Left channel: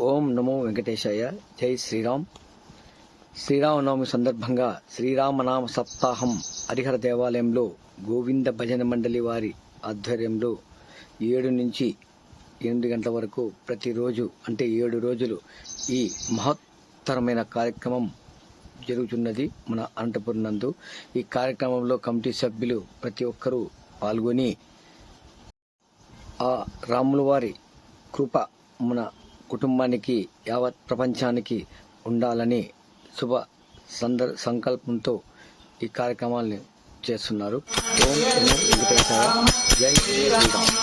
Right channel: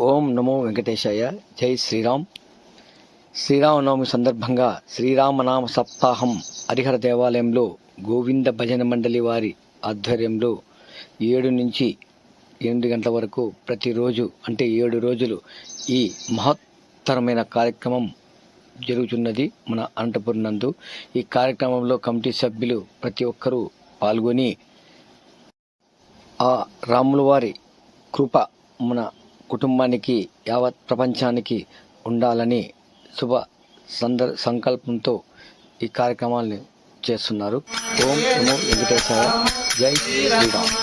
ఓం నమో వెంకటేశాయ. జై శ్రీరామ్. శ్రీరామనవమి సందర్భంగా శ్రీరామనామ సప్తాహం హరిహర దేవాలయంలో గోవింద భజన మండలి వారి ఆధ్వర్యంలో ఏడు నుంచి ఎనిమిది గంటల వరకు ప్రతిరోజు అంటే ఏడు రోజులు ఈ మహత్తరమైన కార్యక్రమం జరుగుతున్నది మన అనంతపురం నందు. ఈ కార్యక్రమంలో కమిటీ సభ్యులు ప్రతి ఒక్కరూ పాల్గొని ఆ రాముల వారి కృప మన కుటుంబానికి యావత్ ప్రపంచానికి ఉండాలని శుభ సందర్ సంకల్పంతో ఈ కార్యక్రమాన్ని చేస్తున్నారు ఓం నమో వెంకటేశ్వర జై శ్రీరామ్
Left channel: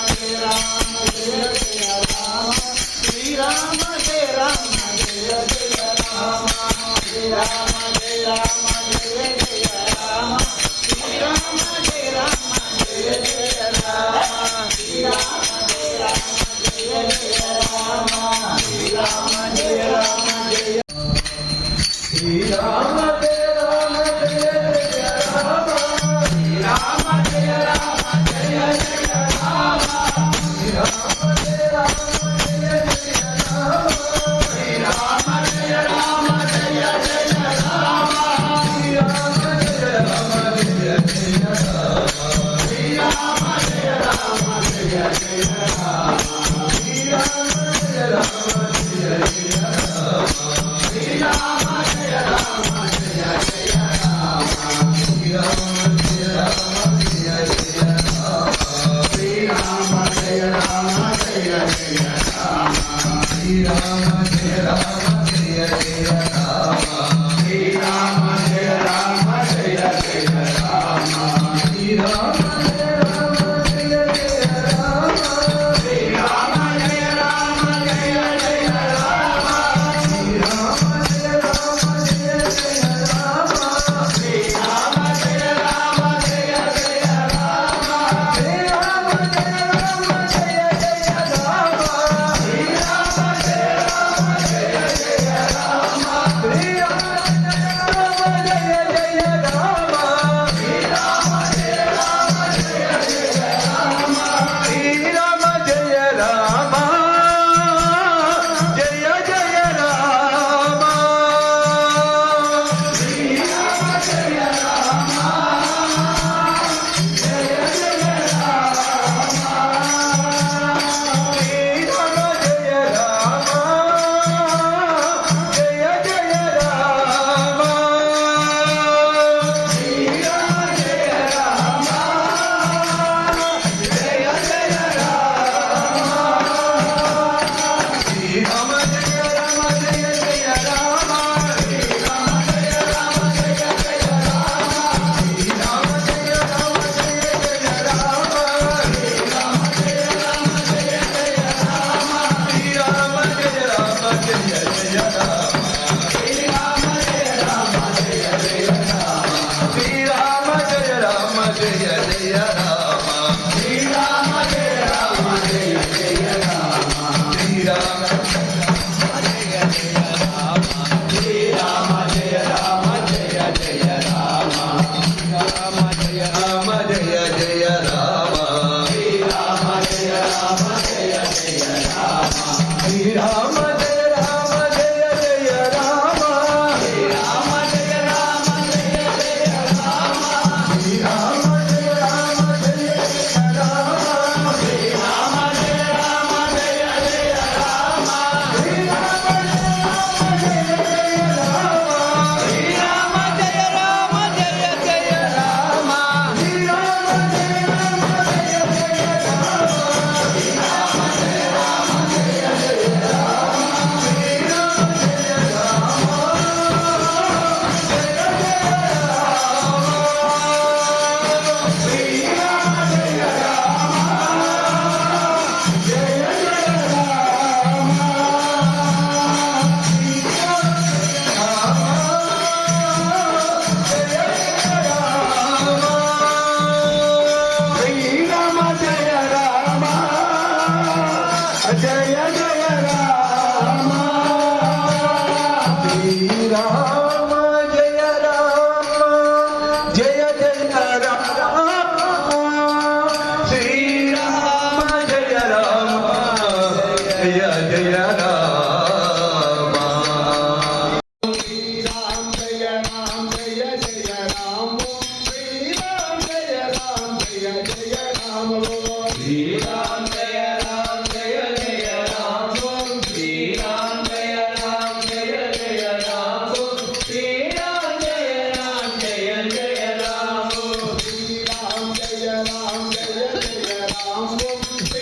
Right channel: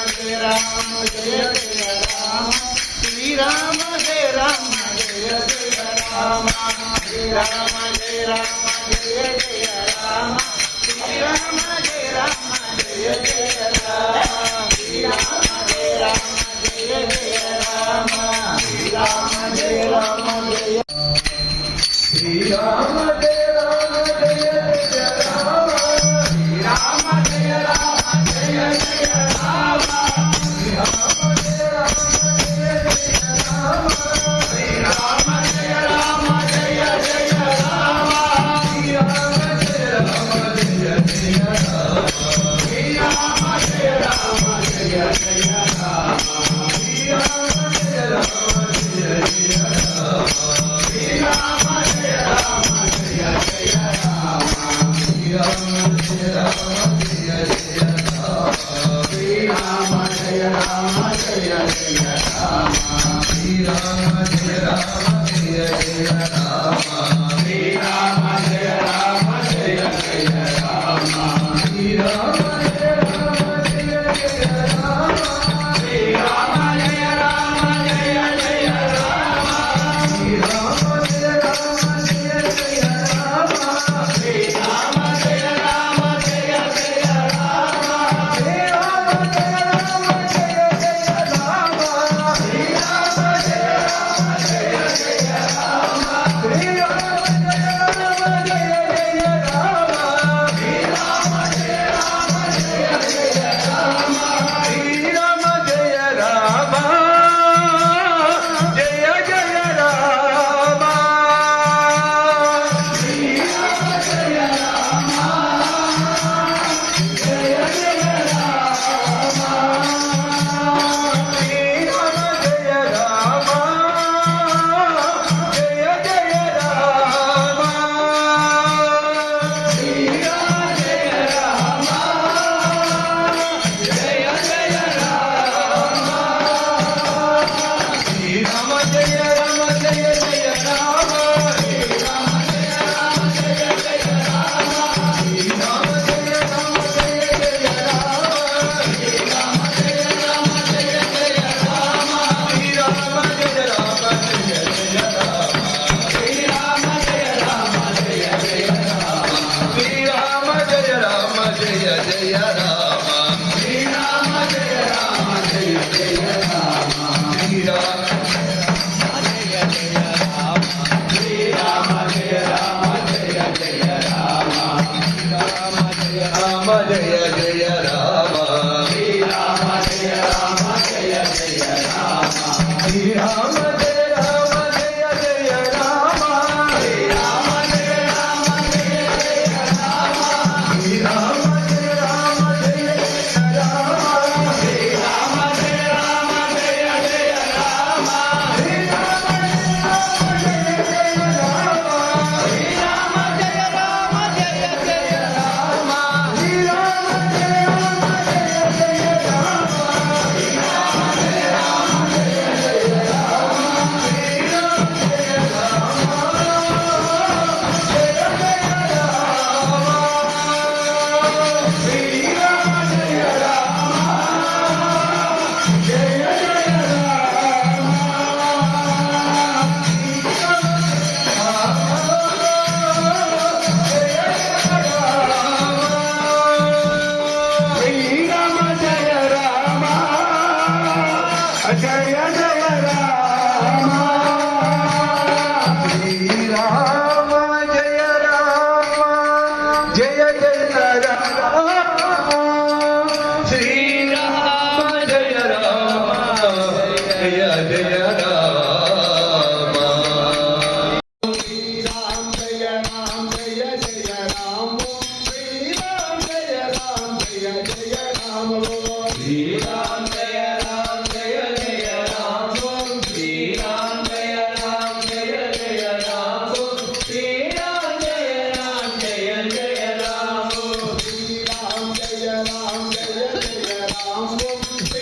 जय राम जय जय राम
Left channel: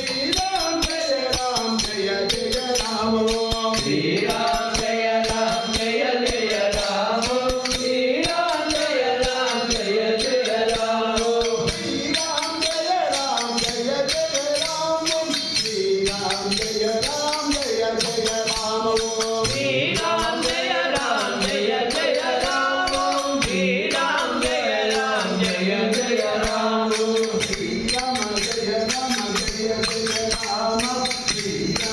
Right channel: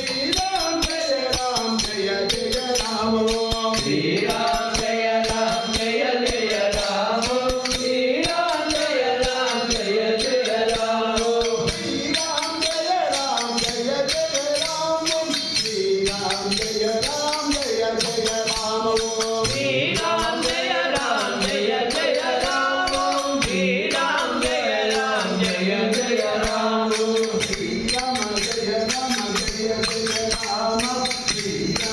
আমার প্রিয়া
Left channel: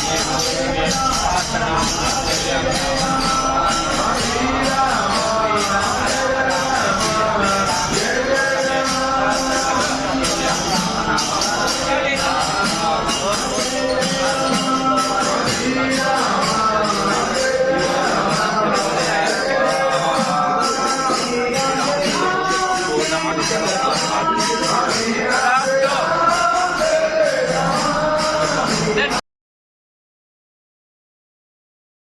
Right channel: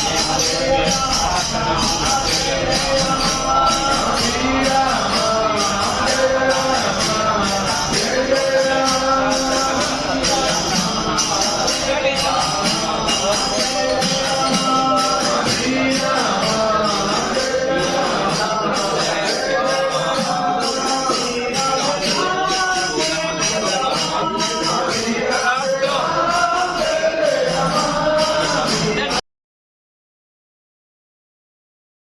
Thank you.